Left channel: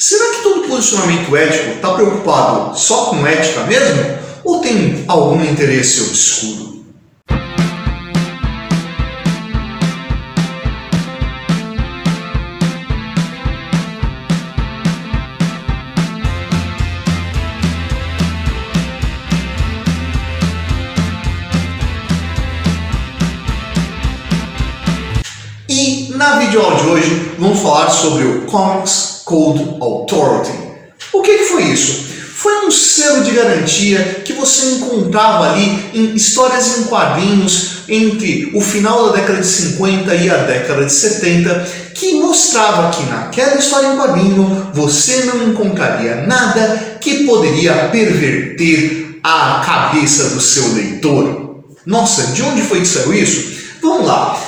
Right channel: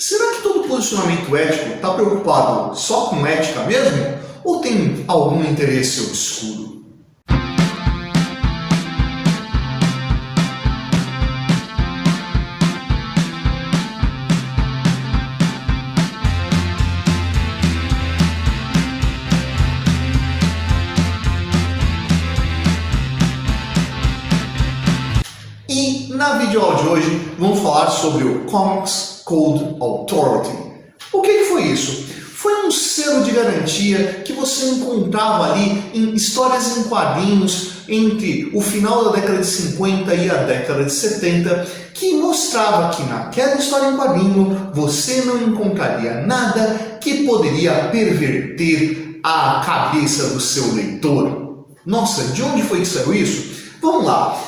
Será que todo posicionamento ético está preocupado só com ética mesmo? Ou tem algum interesse obscuro? Na videoaula de hoje vamos falar sobre o Comics Code Authority. O que foi isso? Foi um selo de garantia que você encontrava ali em histórias em quadrinhos entre o final da década de 50 e a década de 70, que mostrava que naquela história em quadrinho você não encontraria nada que poderia perverter a cabeça do seu leitor. Nossa, de onde foi que saiu isso? Vamos lá.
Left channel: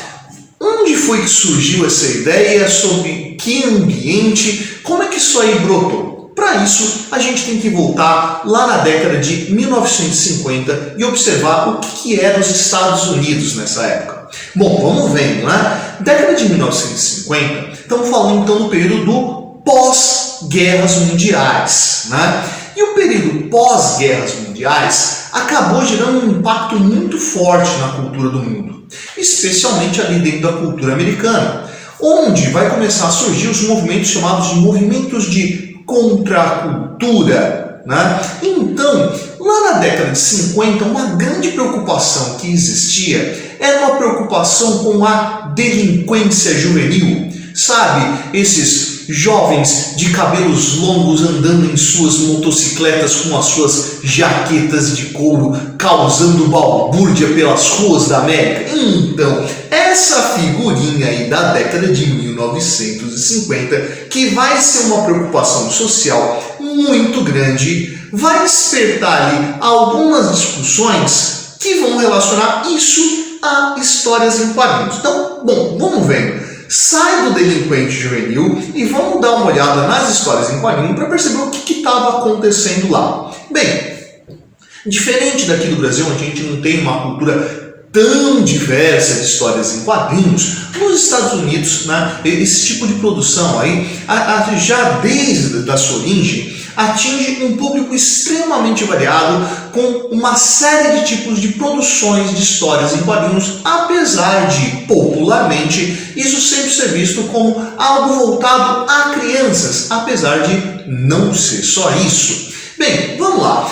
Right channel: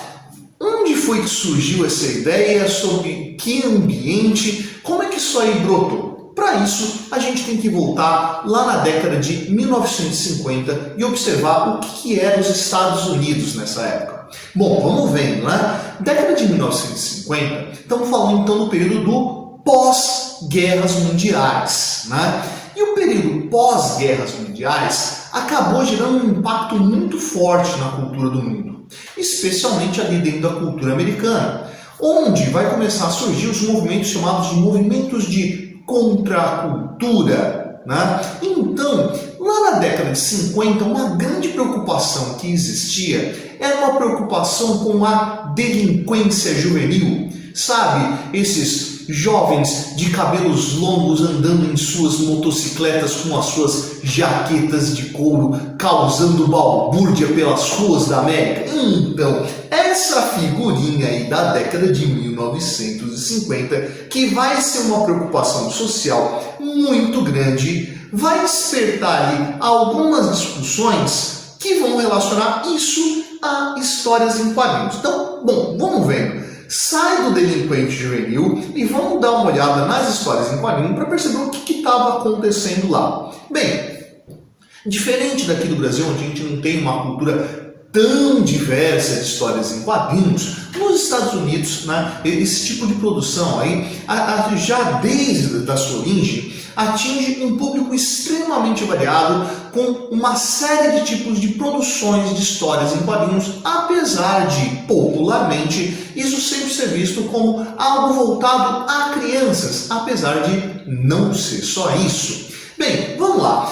Onde foi que surgiu essa ideia? Sobre que ambiente? Como é que isso aí brotou? Para isso, a gente tem que voltar lá na década de 1950 e observar o que eram os Estados Unidos nessa época. Bom, vamos vendo, né? Década de 1950, estamos falando então do período do pós-guerras mundiais, né? E o período pós-guerras mundiais acabou gerando um impacto muito forte na cultura do mundo, especialmente ali dentro da cultura americana, onde vai começar a surgir os movimentos chamados de movimentos de contracultura, né? Então, lá na década de 50, uma grande preocupação que existia era uma preocupação com a delinquência juvenil, sabe? Esses jovens de cabelos longos andando em suas motocicletas com as suas jaquetas de couro, causando balbúrdia pelas ruas da América. Então, essa figurinha aí da década de 1950, que vai ser uma preocupação social muito grande, vai despertar ali algumas discussões que vão relacionar isso a histórias em quadrinhos. Então, bom, vamos vendo. Sai do delinquente juvenil e vamos dar uma olhada nas histórias em quadrinho para perceber o que estava acontecendo lá. Bem, diferente daqui do Brasil, onde a gente não tem uma cultura tão diversa de histórias em quadrinhos, nos Estados Unidos, né, esse tipo de produção aí, já desde a sua origem, atinge um público extremamente variado, com uma série de tipos de produções de histórias em quadrinhos, apesar de, popularmente, isso sempre ser visto como algo voltado a crianças, apesar de não ser só isso. Bem, vamos lá.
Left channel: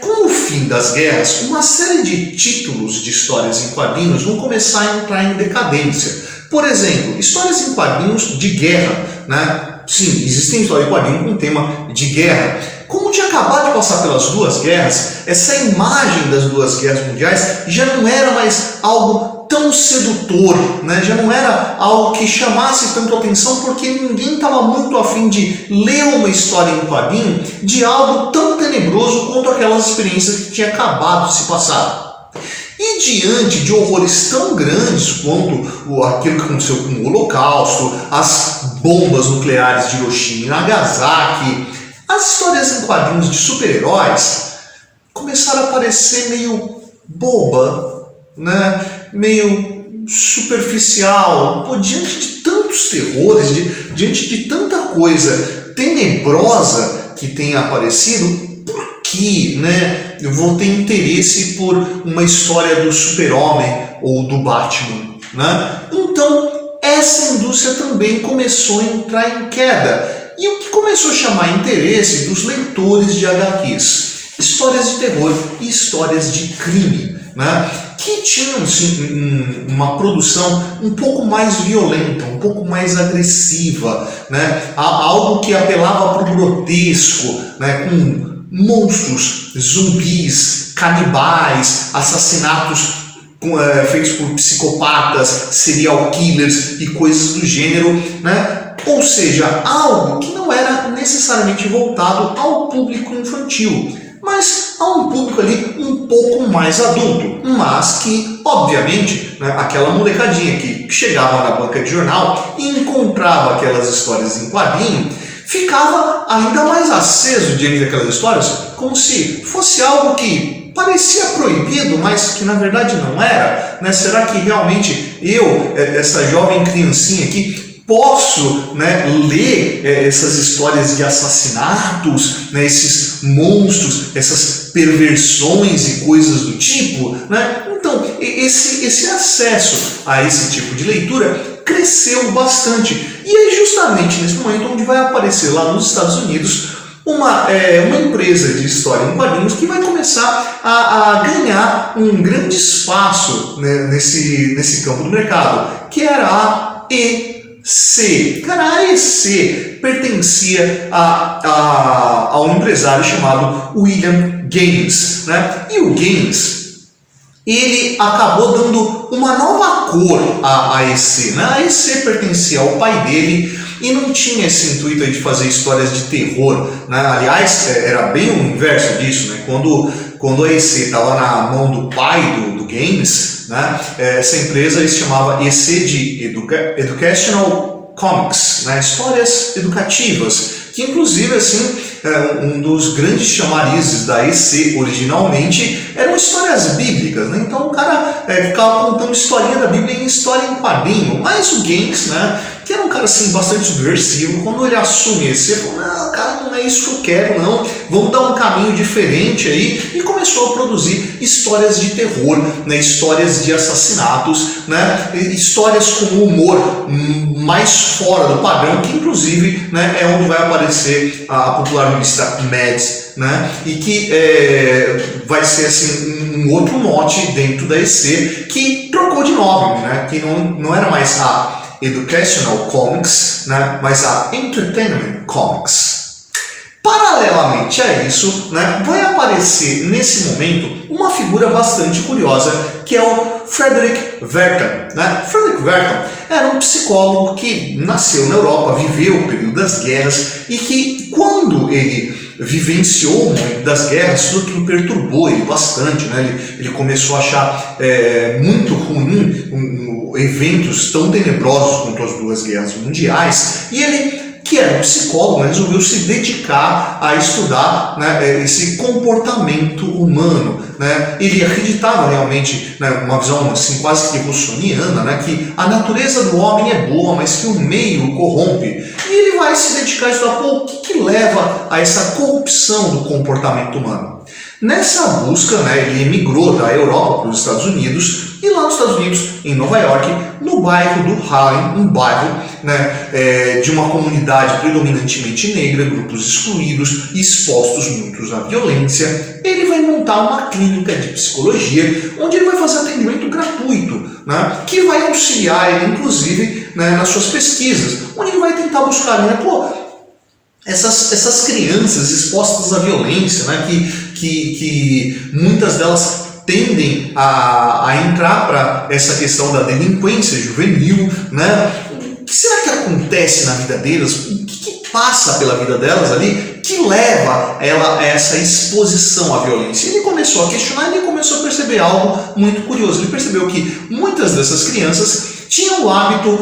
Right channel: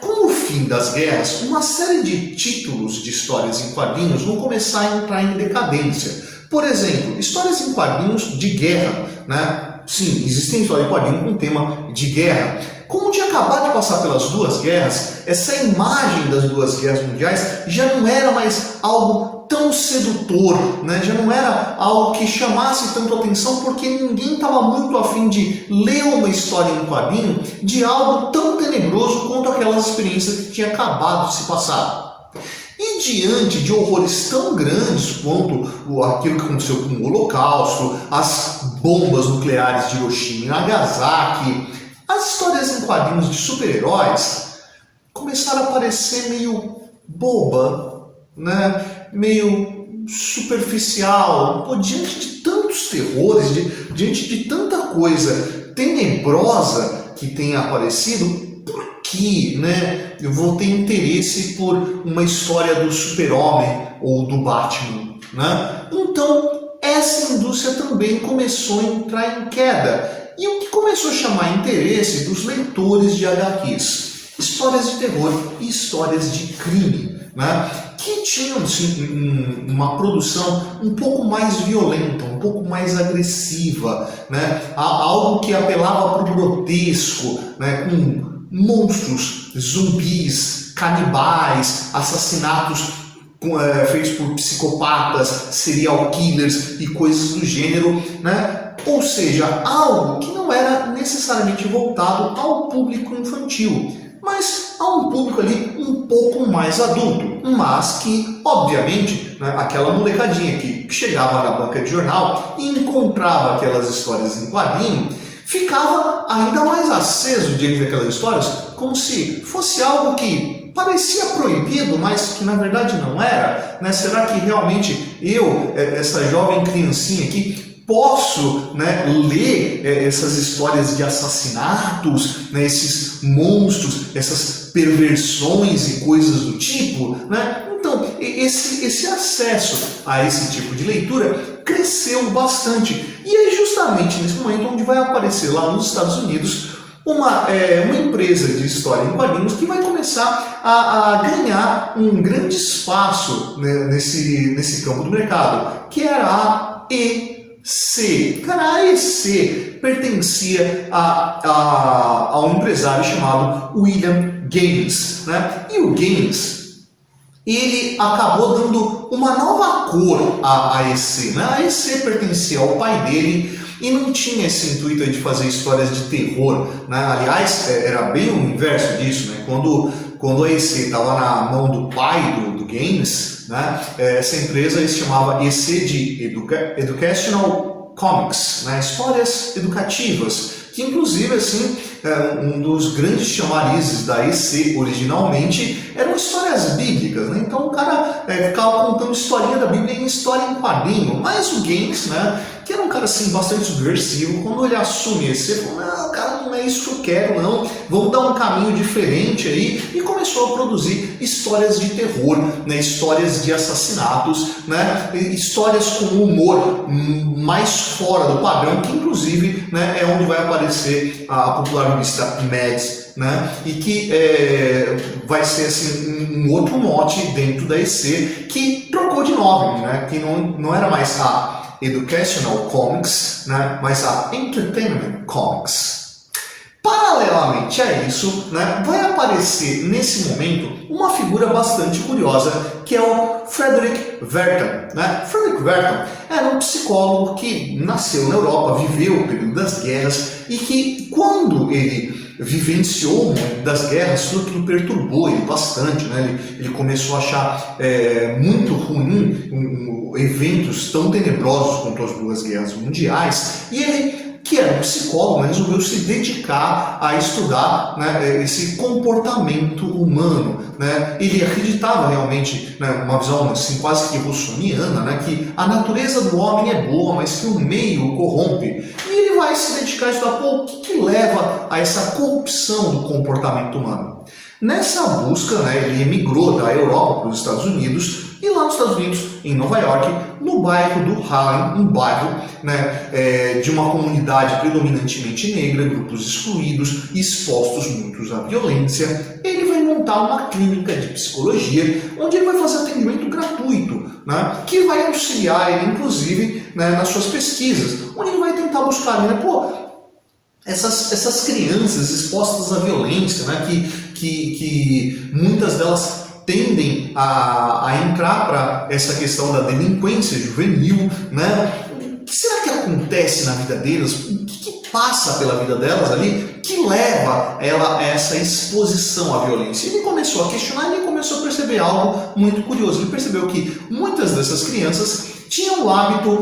Com o fim das guerras, uma série de títulos de histórias em quadrinhos vão começar a entrar em decadência. Por exemplo, histórias em quadrinhos de guerra, né? Sim, existem histórias em quadrinhos com tema de guerra. Como tinha acabado de passar pelas duas guerras, essa imagem das duas guerras mundiais já não era mais algo tão sedutor, né? Já não era algo que chamasse tanto atenção, porque ninguém estava muito afim de ler uma história em quadrinho de algo tão tenebroso quanto aquelas experiências que tinha acabado de se passar. E diante de horrores tão grandes quanto aquilo que aconteceu com o Holocausto, as bombas nucleares de Hiroshima e Nagasaki, as histórias em quadrinhos de super-heróis começaram a parecer meio boba, né? Meio superficial. Pô, diante de tantos terrores, diante de tanta coisa tenebrosa que tem aparecido, por que, né, eu vou ter interesse por uma história do Super-Homem ou do Batman, né? Então, essa indústria também começou a entrar em queda. E o que começou a chamar interesse dos leitores de HQs? Histórias de terror e histórias de crime, né? Que tinham sim, uma produção um pouco mais violenta, um pouco mais agressiva, né? Algo que apelava para o grotesco, né? Com monstros, zumbis, canibais, assassinatos feitos por psicopatas, serial killers e coisas do gênero, né? Ou seja, algo que não era necessariamente voltado ao público infantil, mas a um público ali um pouco mais adulto, mas que, obviamente, né, aquela molecadinha que chegava na banca de jornal e encontrava aquelas histórias em quadrinho, ficava ainda mais aceso diante daquelas histórias, como se fosse algo que parecia proibido, mas que na verdade não era, né? Será que realmente eu, essa jovem criancinha aqui, posso, né, ler essas histórias de assassinatos, né, esses monstros, essas perversões e coisas do tipo, né? Então, esse acesso a esse tipo de leitura cresceu bastante. E é justamente nesse momento onde vai aparecer lá nos Estados Unidos uma empresa de história em quadrinhos que vai começar a ganhar um grande espaço, né, nesse campo do mercado, que era a EC. Cara, a EC pertencia a um empresário chamado William Gaines, né? E o Gaines, ele acabou dando uma nova cor à EC, né? A EC pertencia ao pai dele e não tinha esse intuito de fazer histórias de terror, né? Aliás, era bem o inverso disso, né? Quando a EC estava na mão do pai do Gaines, né? Essa empresa se chamava EC de Educational Comics, né? Histórias educativas, que inclusive assim, um dos grandes chamarizes da EC originalmente eram histórias bíblicas, né? Então o cara ficava contando historinha da Bíblia em história em quadrinho, mas o Gaines, né, que era um cara assim bastante subversivo, quando ele assume esse, ele falou, não, cara, não é isso que eu quero, não, vamos dar um caminho diferente aí, e começou a produzir histórias de terror, né, histórias de assassinatos, né, histórias com humor mais fora do padrão, que inclusive, né, é onde vai aparecer a popular revista Mads, né, e que vai ser assim um outro mote dentro da EC, que trocou de nome, né, que não era mais a Educational Comics, né, mas a Entertainment Comics. Paralelamente a isso, né, vai aparecer nesse momento uma figura bastante curiosa, que é o Frederick Wertham, né? Frederick Wertham era um psicólogo que nasceu na Europa, viveu o período das guerras e que, quando ele vivenciou o momento das guerras, tudo aquilo perturbou ele bastante, né? Ele começou a achar muito ruim eventos tão tenebrosos quanto as duas guerras mundiais, e ele, que era um psicólogo, né, resolveu se dedicar a estudar, né, esse comportamento humano, né? Ele acreditava realmente, né, uma visão assim, quase que russoniana, né, que a natureza do homem é boa, mas que o meio o corrompe. E ele vai se dedicar a estudar o que leva a essa corrupção do comportamento humano. Nessa busca, né, ele emigrou da Europa para os Estados Unidos, e lá nos Estados Unidos, em Nova York, no bairro do Harlem, um bairro, né, de uma comunidade predominantemente negra, grupos excluídos, expostos muitos à violência, ele vai montar uma clínica de psicologia, onde ele vai fazer atendimento gratuito, né, que vai auxiliar ele, inclusive, né, nas suas pesquisas, onde ele vai tentar buscar, né, essas crianças expostas à violência, né, que muitas delas tendem a entrar para essa questão da delinquência juvenil, né? O que será que acontece na vida delas? O que passa pela vida delas ali que leva ela a essa exposição à violência? Ele começou a questionar e começou a perceber algo muito curioso. Ele percebeu que muitas dessas crianças tinham o hábito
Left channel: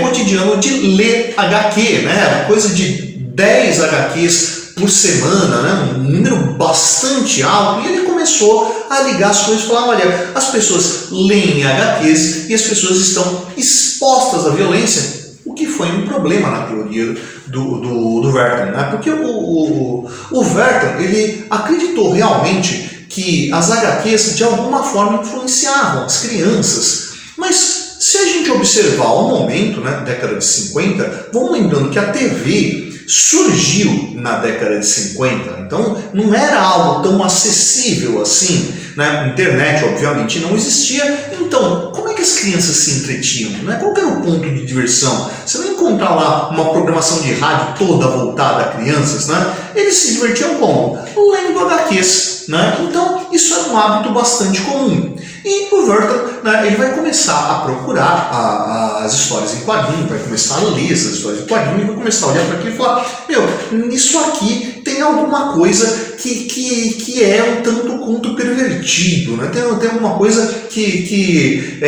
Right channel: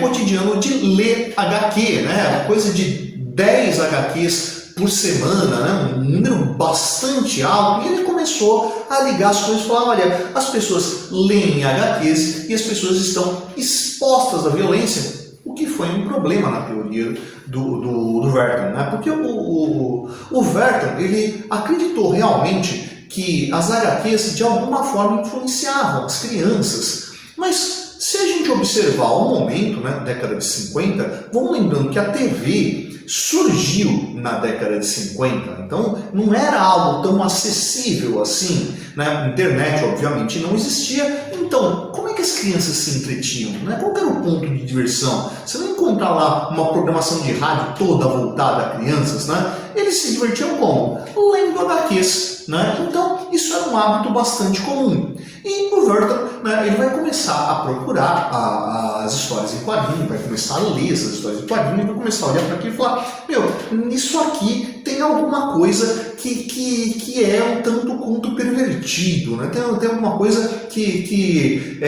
cotidiano de ler HQ, né? Coisa de 10 HQs por semana, né? Um número bastante alto, e ele começou a ligar as coisas e falar, olha, as pessoas leem HQs e as pessoas estão expostas à violência, o que foi um problema na teoria do Wertham, né? Porque o Wertham, ele acreditou realmente que as HQs de alguma forma influenciavam as crianças, mas se a gente observar ao momento, né, década de 50, vamos lembrando que a TV surgiu na década de 50, então não era algo tão acessível assim, né? Internet obviamente não existia, então como é que as crianças se entretinham, né? Qual era o ponto de diversão? Você vai encontrar lá uma programação de rádio toda voltada a crianças, né? Eles se divertiam como? Lendo HQs, né? Então isso era um hábito bastante comum. E o Wertham, né, ele vai começar a procurar as histórias em quadrinho, vai começar a ler essas histórias em quadrinho e vai começar a olhar para aquilo e falar, meu, nisso aqui tem alguma coisa que é um tanto quanto pervertido, né? Tem alguma coisa que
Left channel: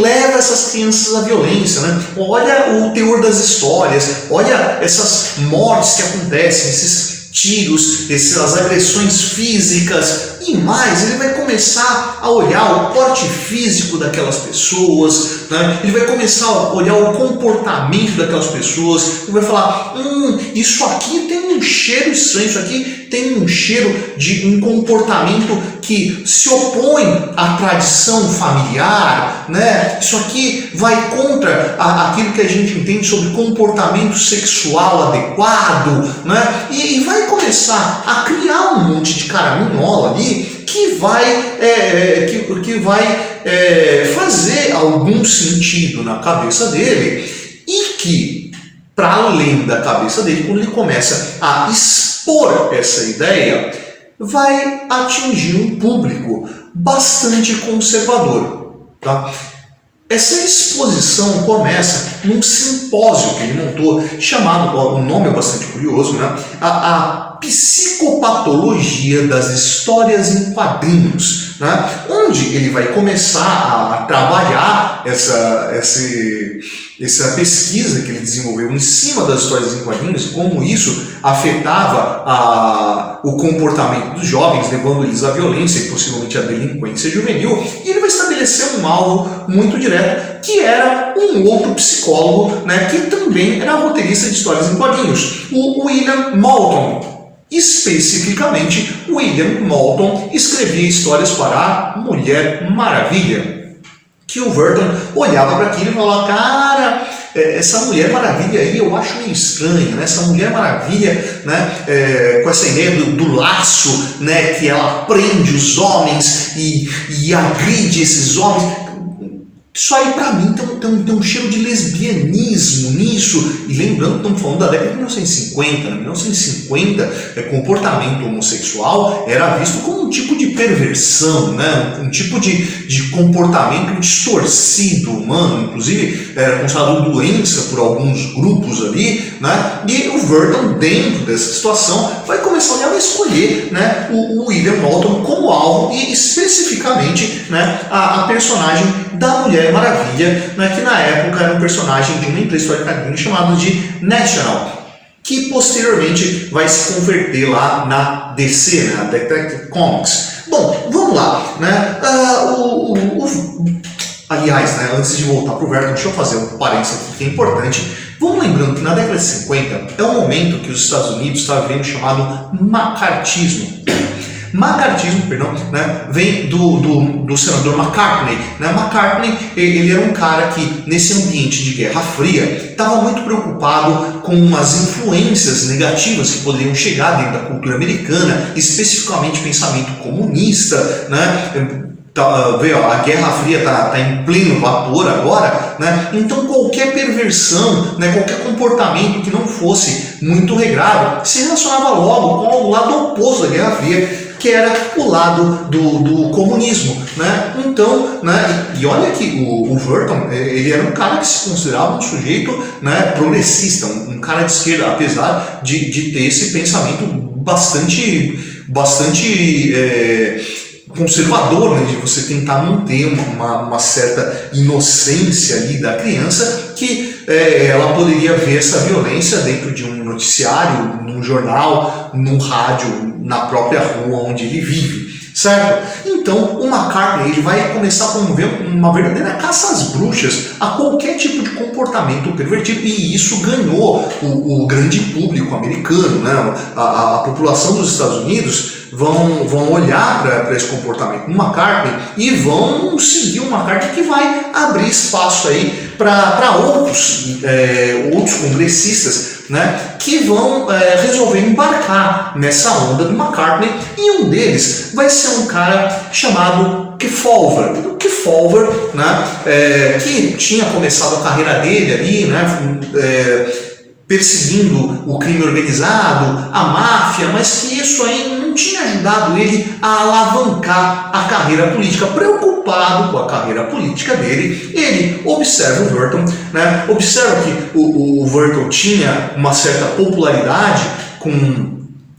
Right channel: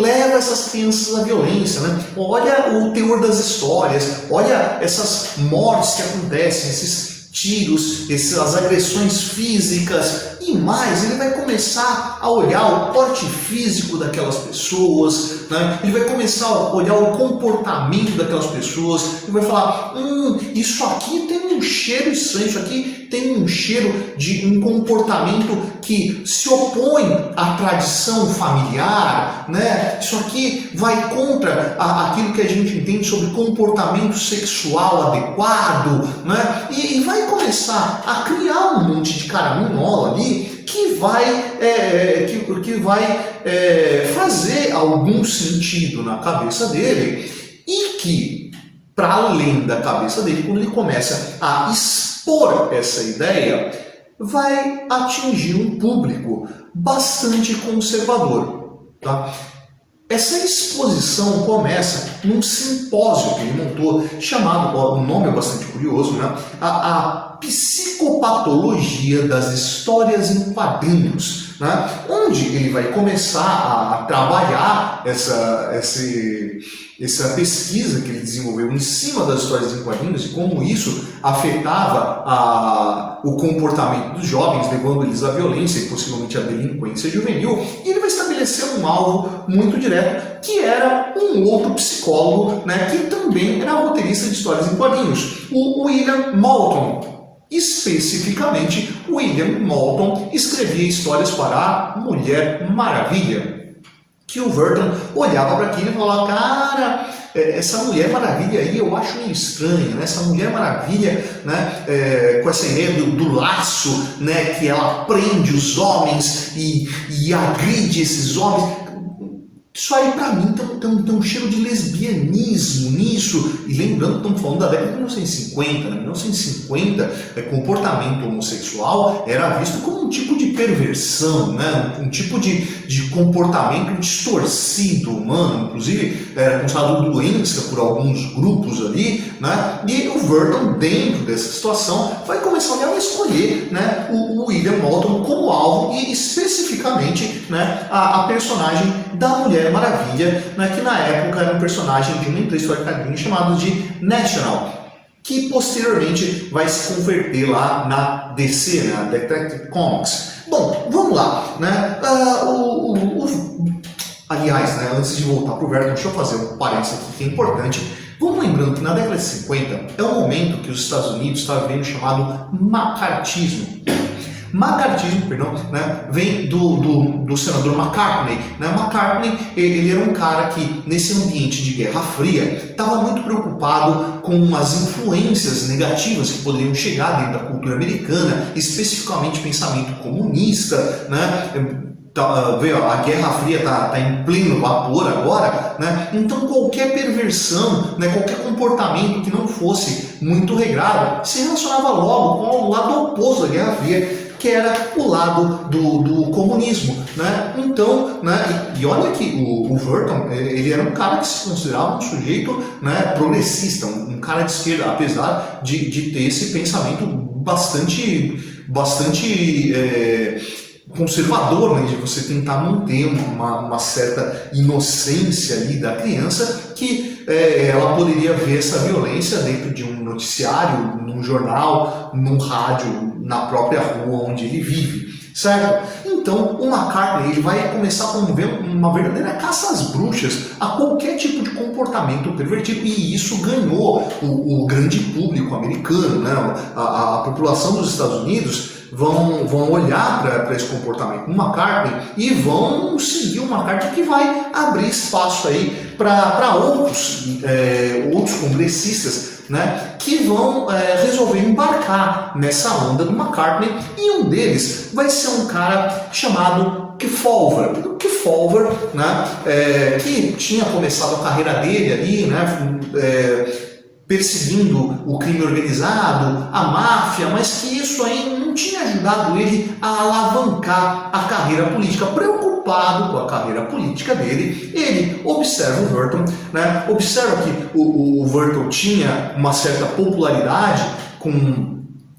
leva essas crianças à violência, né? Olha o teor das histórias, olha essas mortes que acontecem, esses tiros, essas agressões físicas, E mais, ele vai começar a olhar o porte físico daquelas pessoas, né? Ele vai começar a olhar o comportamento daquelas pessoas, ele vai falar, isso aqui tem um cheiro estranho, isso aqui tem um cheiro de um comportamento que se opõe à tradição familiar, né? Isso aqui vai contra aquilo que a gente entende sobre comportamento sexual adequado, né? E vai começar a criar um monte de caraminhola ali que vai fazer algum sentido na cabeça dele e que, para além da cabeça dele, quando ele começa a expor essa ideia, vai atingir um público bastante conservador. Tá? Essa exposição começa num simpósio que ele montou, chamado, o nome é bastante curioso, né? A Psicopatologia das Histórias em Quadrinhos, né? Onde ele vai começar a trabalhar essa pesquisa que ele desenvolveu em cima das histórias em quadrinhos e como isso afetava o comportamento dos jovens, levando eles à violência e possivelmente à delinquência juvenil. E ele vai estabelecer um alvo muito direto, que era um outro psicólogo, né, que também era roteirista de histórias em quadrinhos, o William Moulton. Especificamente, William Moulton escrevia histórias para a Mulher Maravilha, que o Burton olhava para aquilo e falava, cara, essa Mulher Maravilha aí eu acho meio estranho, né? Essa Mulher Maravilha, né, com essa ideia do laço, né, que ela prende os homens e agride esses homens. Isso aí pra mim tem um cheiro de lesbianismo nisso. E lembrando que estamos falando da década de 1950. Em 1950, comportamento homossexual era visto como um tipo de perversão, né? Um tipo de comportamento distorcido humano. Inclusive, era considerado doença por alguns grupos ali, né? E o Burton, dentro dessa situação, vai começar a olhar e escolher, né, o William Moulton como alvo e especificamente, né, a personagem da Mulher Maravilha, né, que na época era um personagem de uma empresa histórica chamada de National, que posteriormente vai se converter lá na DC, na Detective Comics. Bom, vamos lá, né? Aliás, né, antes de voltar para o Burton, deixa eu fazer um parênteses aqui que é importante. Vamos lembrando que na década de 50 é um momento que os Estados Unidos estavam vivendo chamado macartismo. Macartismo, perdão, né, vem do senador McCartney. Né? McCartney, ele era um cara que, nesse ambiente de Guerra Fria, estava muito preocupado com as influências negativas que poderiam chegar dentro da cultura americana, especificamente pensamento comunista, né? A Guerra Fria está em pleno vapor agora, né? Então qualquer perversão, né, qualquer comportamento que não fosse muito regrado se relacionava logo com o lado oposto da Guerra Fria, que era o lado do comunismo, né? Então, né, e olha que o Burton, ele era um cara que se considerava um sujeito, né, progressista, um cara de esquerda, apesar de ter esse pensamento bastante conservador, né, de você tentar manter uma certa inocência ali da criança, que ela poderia ver essa violência dentro de um noticiário, num jornal, num rádio, na própria rua onde ele vive, certo? Então o McCartney, ele vai começar a promover uma verdadeira caça às bruxas a qualquer tipo de comportamento pervertido, e isso ganhou o grande público americano, né? A população dos Estados Unidos vão olhar para esse comportamento do McCartney e vão seguir o McCartney, que vai abrir espaço aí para outros congressistas, né, que vão resolver embarcar nessa onda do McCartney, e um deles vai ser um cara chamado Kefauver. O Kefauver, né, que tinha começado a carreira dele ali, né, perseguindo o crime organizado, a máfia, mas que isso aí não tinha ajudado ele a alavancar a carreira política. Preocupado com a carreira política dele, ele observa o Burton, né? Observa que o Burton tinha uma certa popularidade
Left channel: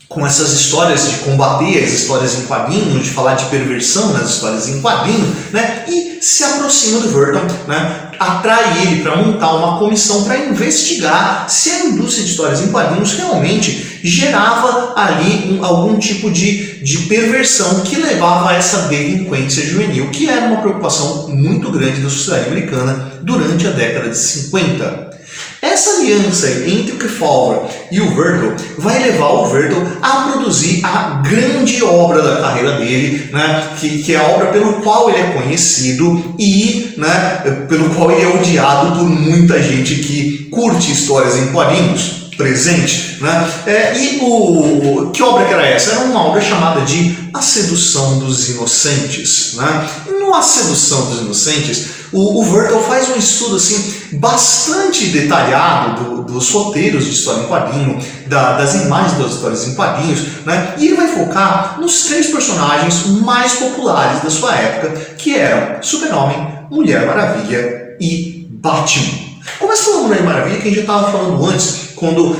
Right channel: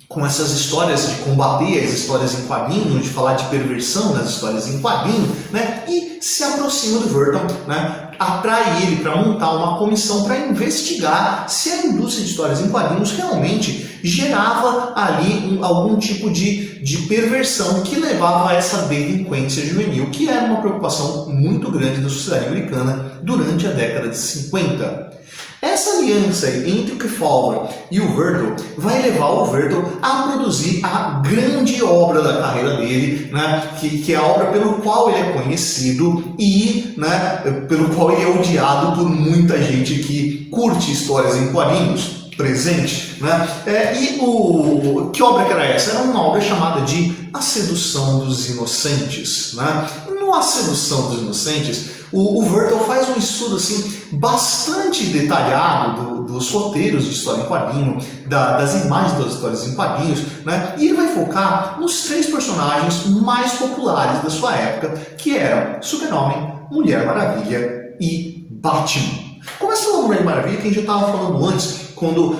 com essas histórias de combater as histórias em quadrinhos, de falar de perversão nas histórias em quadrinhos, né? E se aproxima do Burton, né, atrai ele para montar uma comissão para investigar se a indústria de histórias em quadrinhos realmente gerava ali algum tipo de perversão que levava a essa delinquência juvenil, que era uma preocupação muito grande da sociedade americana durante a década de 50. Essa aliança entre o Kefauver e o Vertel vai levar o Vertel a produzir a grande obra da carreira dele, né, que é a obra pelo qual ele é conhecido e, né, pelo qual ele é odiado por muita gente que curte histórias em quadrinhos presente, né? Que obra que era essa? Era uma obra chamada de A Sedução dos Inocentes, né? No A Sedução dos Inocentes, o Vertel faz um estudo assim, bastante detalhado dos roteiros de história em quadrinho, das imagens das histórias em quadrinhos, né? E ele vai focar nos 3 personagens mais populares da sua época, que eram Super-Homem, Mulher Maravilha e Batman. Começa pela Mulher Maravilha, que a gente já estava falando antes, quando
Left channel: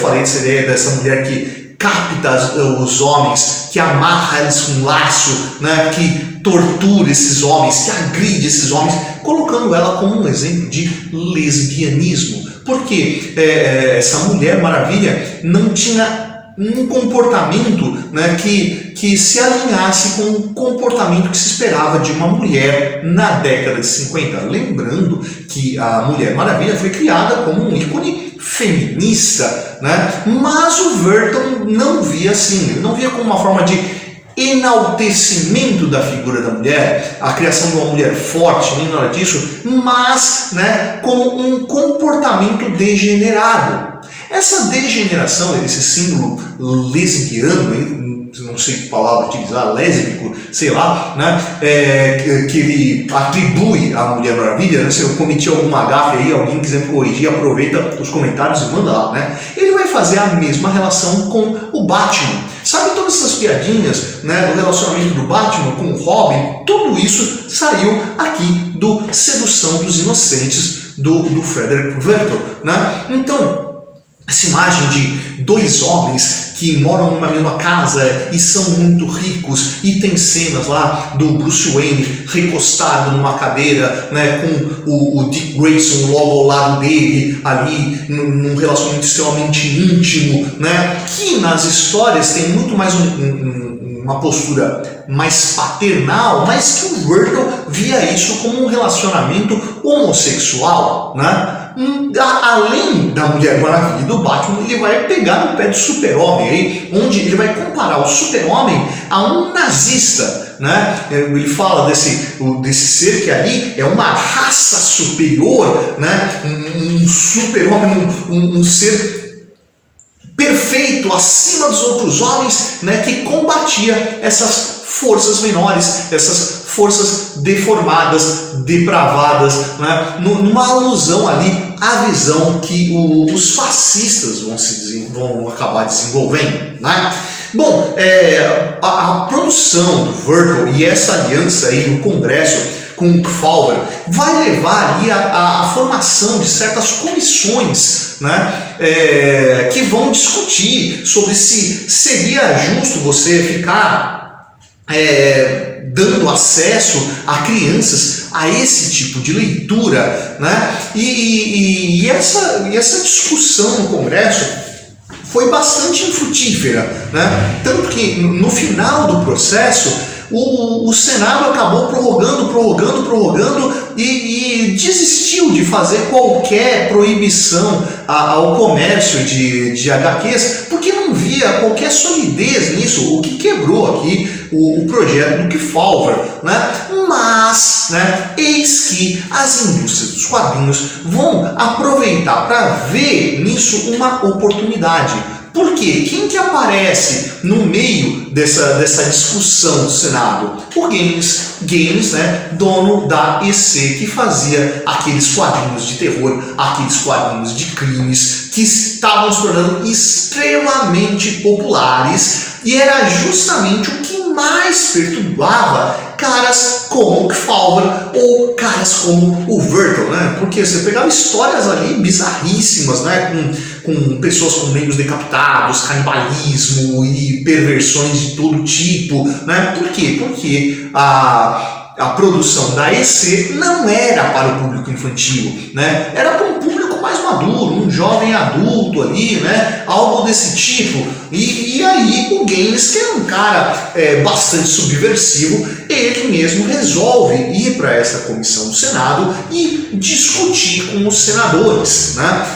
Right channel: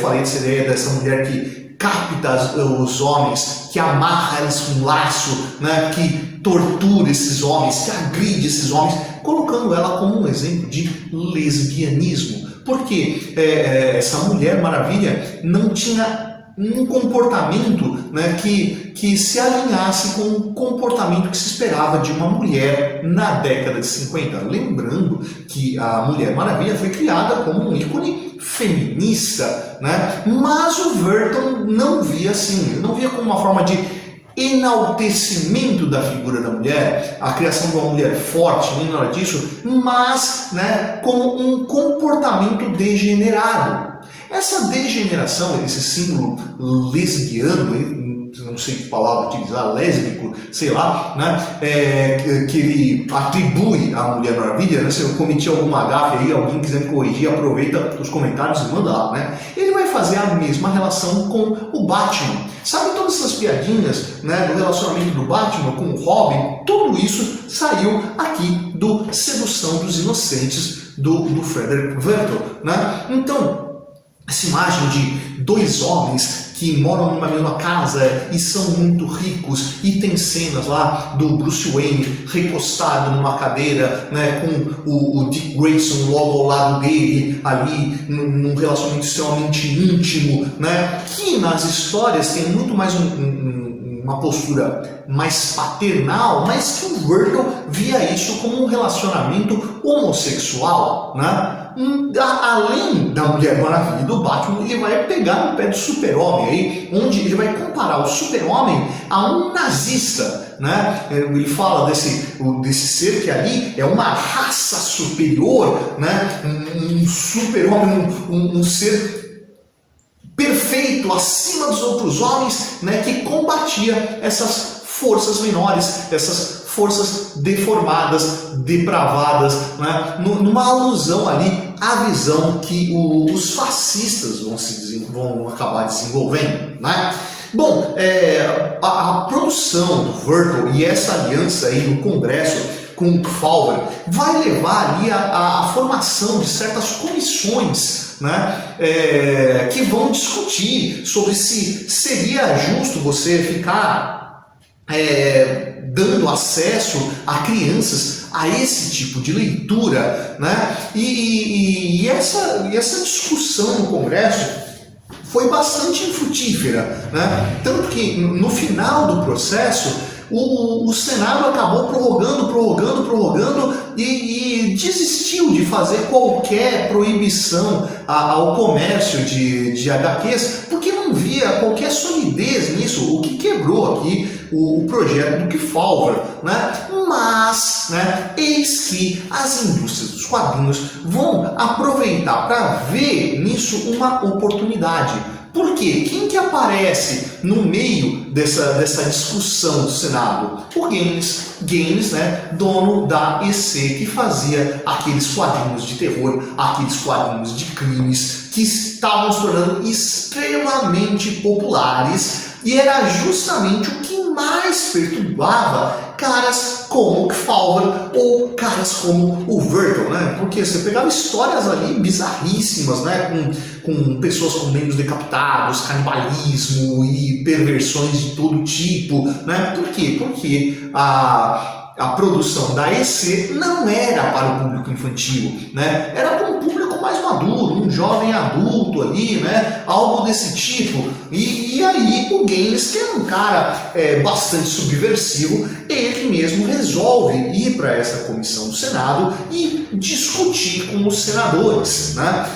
falei dessa ideia dessa mulher que capta os homens, que amarra eles com um laço, né, que tortura esses homens, que agride esses homens, colocando ela como um exemplo de lesbianismo. Porque essa Mulher Maravilha não tinha um comportamento, né, que se alinhasse com o comportamento que se esperava de uma mulher na década de 50. Lembrando que a Mulher Maravilha foi criada como um ícone feminista, né? Mas o Vertel não via assim, ele não via como uma forma de enaltecimento da figura da mulher, a criação de uma mulher forte, nem nada disso, mas, né, como um comportamento degenerado. Essa degeneração, esse símbolo lesbiano, não sei que palavra utilizar, lésbico, sei lá, né, que ele atribui à Mulher Maravilha, né, se eu cometi alguma gafe aí, alguém quiser me corrigir, aproveita os comentários e manda lá, né? Ele vai fazer a mesma relação com o Batman. Sabe todas essas piadinhas, né, do relacionamento do Batman com o Robin? Tudo isso saiu aqui do Sedução dos Inocentes, do Frederick Vertel, né? Então, essa imagem de 2 homens que moram numa mesma casa e são muito ricos, e tem cenas lá do Bruce Wayne recostado numa cadeira, né, com o Dick Grayson logo ao lado dele, ali num relacionamento extremamente íntimo, né, que nas histórias tem muito mais uma postura mais paternal, mas que o Vertel via isso como um relacionamento homossexual, né? Além da Mulher Maravilha e do Batman, ele vai pegar no pé do Super-Homem, aí, onde ele vai comparar o Super-Homem a um nazista, né? Ele fala desse ser que ali é uma raça superior, né? Um Super-Homem, um ser perfeito acima dos outros homens, né? Que combatia essas forças menores, essas forças deformadas, depravadas, né? Numa alusão ali à visão que os fascistas vão acabar desenvolvendo, né? Bom, a produção do Vertel e essa aliança aí no Congresso com o Kefauver vai levar ali a formação de certas comissões, né, que vão discutir sobre se seria justo você ficar dando acesso a crianças a esse tipo de leitura, né? E essa discussão no Congresso foi bastante infrutífera, né? Tanto que no final do processo o Senado acabou prorrogando e desistiu de fazer qualquer proibição ao comércio de HQs, porque não via qualquer solidez nisso, o que quebrou aqui o projeto do Kefauver, né? Mas, né, eis que as indústrias dos quadrinhos vão aproveitar para ver nisso uma oportunidade. Por quê? Quem que aparece no meio dessa discussão do Senado? O Gaines, né, dono da EC, que fazia aqueles quadrinhos de terror, aqueles quadrinhos de crimes, que estavam se tornando extremamente populares, e era justamente o que mais perturbava caras como o Kefauver ou caras como o Vertel, né? Porque você pegava histórias ali bizarríssimas, né? Com pessoas com membros decapitados, canibalismo e perversões de todo tipo, né? Por quê? Porque a produção da EC não era para o público infantil, né? Era para um público mais maduro, um jovem adulto ali, né? Algo desse tipo. E aí o Gaines, que é um cara bastante subversivo, ele mesmo resolve ir para essa comissão do Senado e discutir com os senadores, né?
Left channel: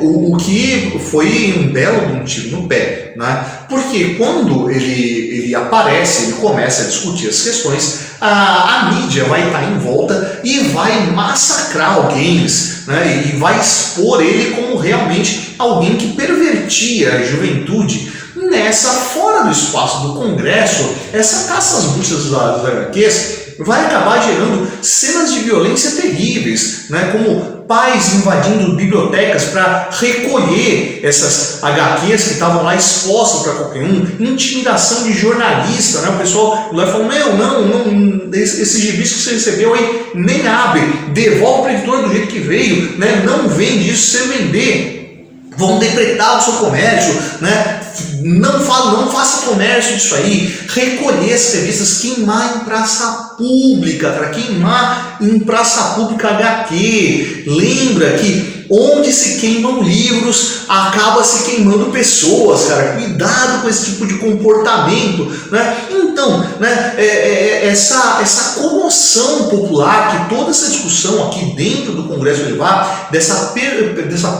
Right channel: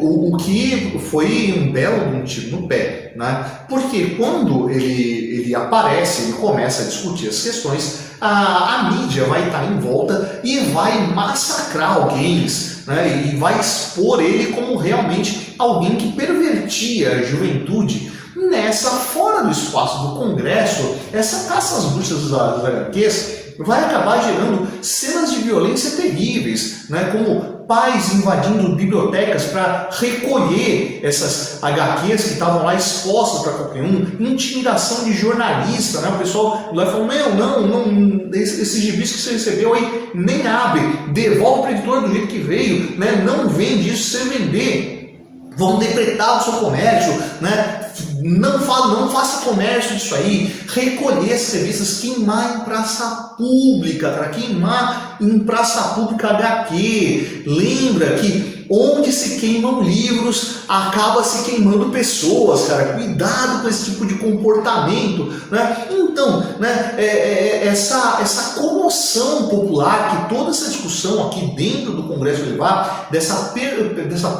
O que foi um belo tiro no pé, né? Porque quando ele aparece, ele começa a discutir as questões, a mídia vai estar em volta e vai massacrar o Gaines, né? E vai expor ele como realmente alguém que pervertia a juventude. Fora do espaço do Congresso, essa caça às bruxas das HQs vai acabar gerando cenas de violência terríveis, né? Como pais invadindo bibliotecas para recolher essas HQs que estavam lá expostas para qualquer um, intimidação de jornalista, né? O pessoal lá falou, não, esses gibis que você recebeu aí, nem abre, devolve para o editor do jeito que veio, né? Não vende isso, se você vender, vão depredar o seu comércio, né? Não faça comércio disso aí, recolher as revistas, queimar em praça pública, para queimar em praça pública HQ. Lembra que onde se queimam livros, acaba se queimando pessoas, cara. Cuidado com esse tipo de comportamento, né? Então, né, essa comoção popular, que toda essa discussão aqui dentro do Congresso vai levar, dessa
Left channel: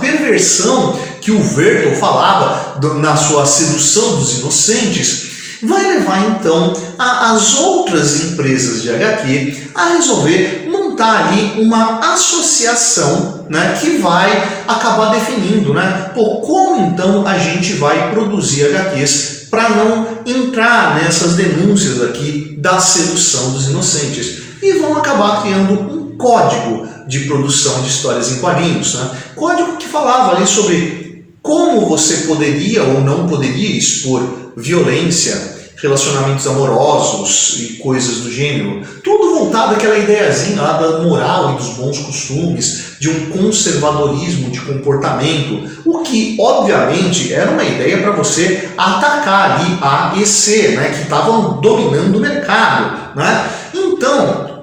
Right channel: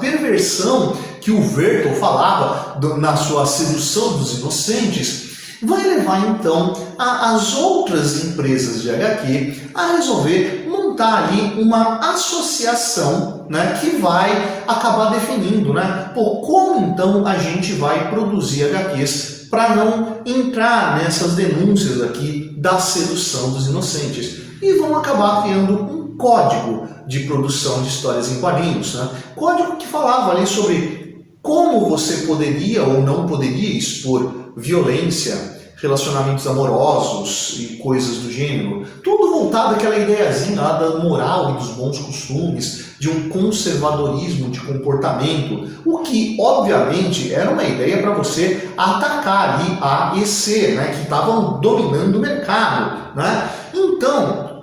perversão que o Verton falava na sua sedução dos inocentes, vai levar então as outras empresas de HQ a resolver montar ali uma associação, né, que vai acabar definindo, né, como então a gente vai produzir HQs para não entrar nessas denúncias aqui da sedução dos inocentes, e vão acabar criando um código de produção de histórias em quadrinhos, né? Código que falava ali sobre como você poderia ou não poderia expor violência, relacionamentos amorosos e coisas do gênero. Tudo voltado àquela ideiazinha lá da moral e dos bons costumes, de um conservadorismo de comportamento, o que, obviamente, era uma ideia para você atacar ali a EC, né, que estavam dominando o mercado, né? Então,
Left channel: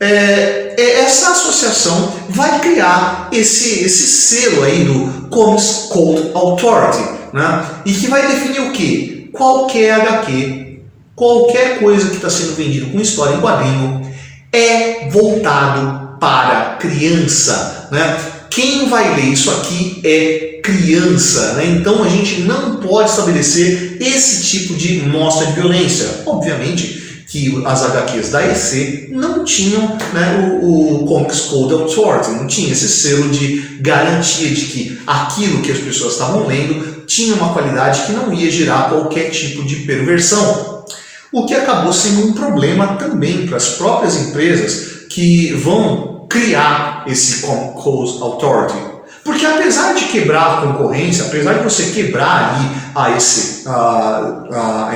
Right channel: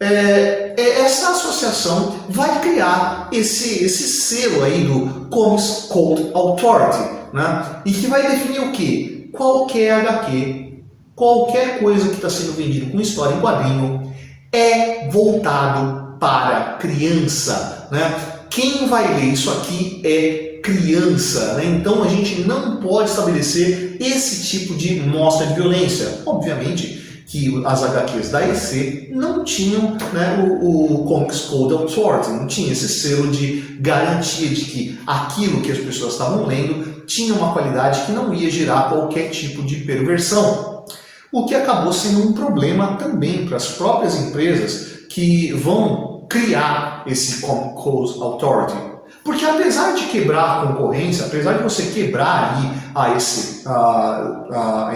essa associação vai criar esse selo aí do Comics Code Authority, né? E que vai definir o quê? Qualquer HQ, qualquer coisa que está sendo vendido com história em quadrinho é voltado para criança, né? Quem vai ler isso aqui é criança, né? Então a gente não pode estabelecer esse tipo de mostra de violência. Obviamente que as HQs da EC não tinham, né, o Comics Code Authority, não tinha esse selo de garantia de que aquilo que as pessoas estavam lendo tinha uma qualidade que não ia gerar qualquer tipo de perversão. O que acabou sendo um problema também para as próprias empresas que vão criar esse Comic Code Authority. Porque apesar de quebrar a concorrência, apesar de você quebrar ali a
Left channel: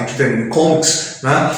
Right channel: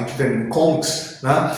Entertainment Comics, né,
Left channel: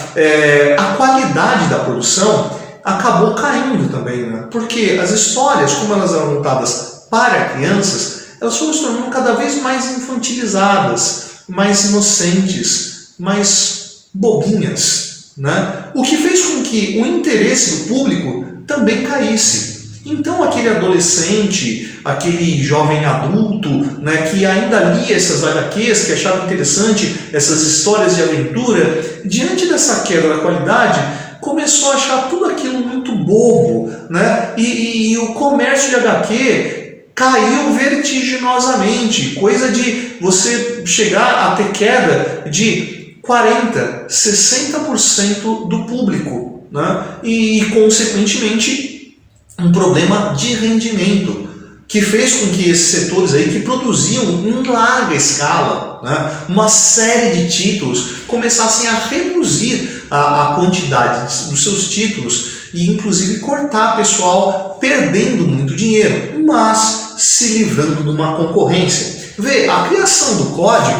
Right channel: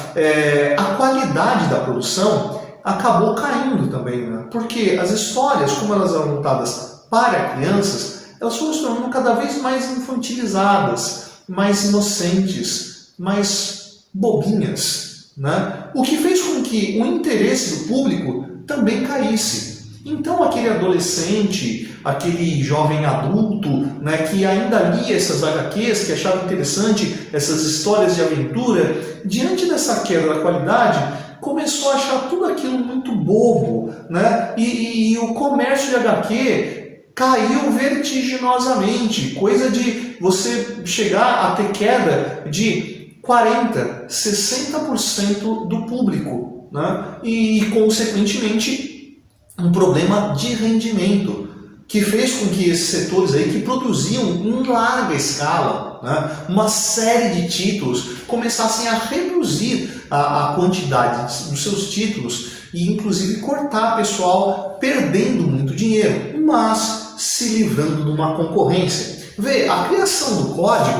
a qualidade da produção acabou caindo também, né? Porque as histórias, como elas eram montadas para crianças, elas foram se tornando cada vez mais infantilizadas, mais inocentes, mais bobinhas, né? O que fez com que o interesse do público também caísse. Então aquele adolescente, aquele jovem adulto, né, que ainda lia essas HQs, que achava interessante essas histórias de aventura, diante dessa queda da qualidade, começou a achar tudo aquilo muito bobo, né? E o comércio de HQ caiu vertiginosamente, coisa de você chegar a ter queda de 40%, 60% do público, né? E consequentemente um problema de rendimento, que fez com que esses setores aí que produziam em larga escala, né, uma série de títulos, começassem a reduzir a quantidade dos seus títulos e inclusive cortar pessoal, perdendo muito dinheiro, mas se livrando de uma concorrência. Vê, a criação do código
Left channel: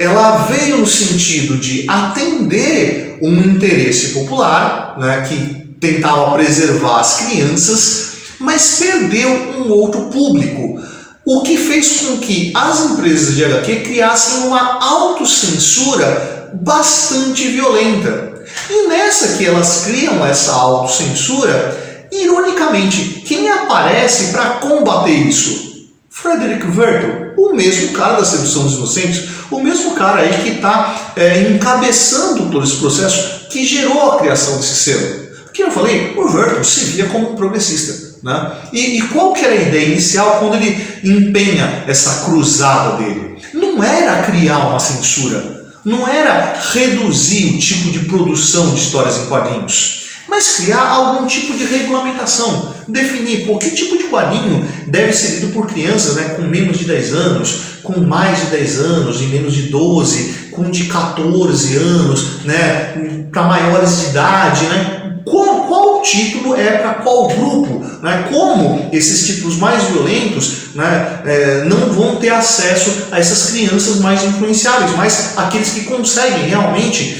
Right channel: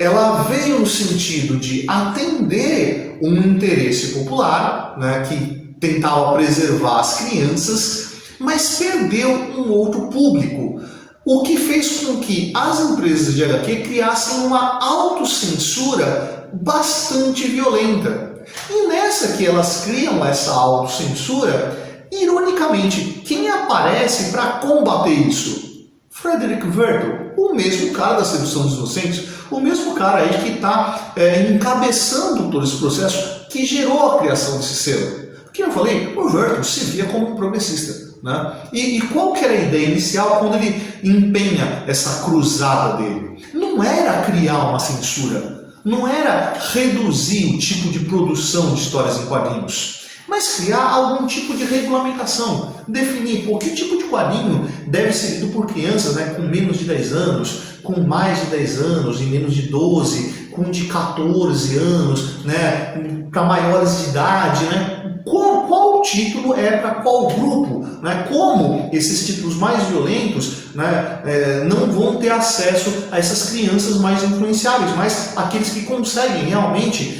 ela veio no sentido de atender um interesse popular, né, que tentava preservar as crianças, mas perdeu um outro público, o que fez com que as empresas de HQ criassem uma autocensura bastante violenta. E nessa que elas criam essa autocensura, ironicamente, quem aparece para combater isso? Frederick Werthel, o mesmo cara da sedução dos inocentes, o mesmo cara aí que está encabeçando todo esse processo que gerou a criação desse selo. Porque eu falei, o Werthel se via como um progressista. Né? E qual que era a ideia inicial quando ele empenha essa cruzada dele? Não era criar uma censura, não era reduzir o tipo de produção de histórias em quadrinhos, mas criar algum tipo de regulamentação, definir por que tipo de quadrinho deve ser lido por crianças, né, com menos de 10 anos, com mais de 10 anos, em menos de 12, com de 14 anos, né, para maiores de idade, né? Qual título é para qual grupo? Né? Como esses títulos mais violentos, né, não vão ter acesso a essas crianças mais influenciáveis, mas aqueles que conseguem realmente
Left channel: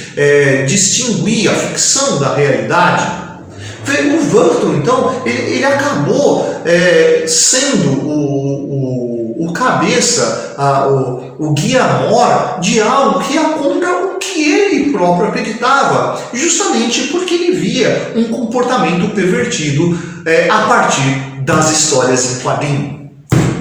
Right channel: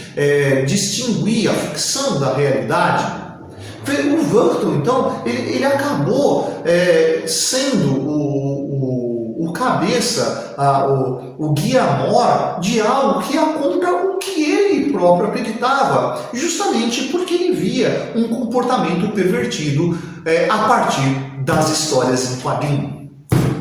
distinguir a ficção da realidade. O Werthel, então, ele acabou sendo o cabeça, o guia-mor de algo que ia contra o que ele próprio acreditava, justamente porque ele via um comportamento pervertido a partir das histórias em quadrinho.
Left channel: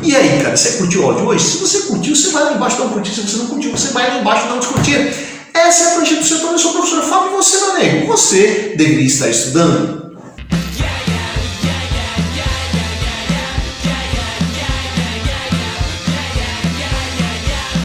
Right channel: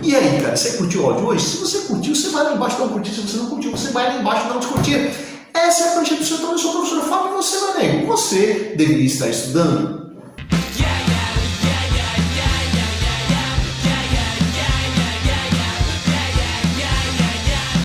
E aí, cara, você curtiu o áudio hoje? Se você curtiu, você vai lá embaixo dar um curtir. Se você não curtiu, você vai lá embaixo dar um descurtir. Essa é a prancheta do setor. Eu sou o professor Fábio e você, meu amigo, você deveria estar estudando.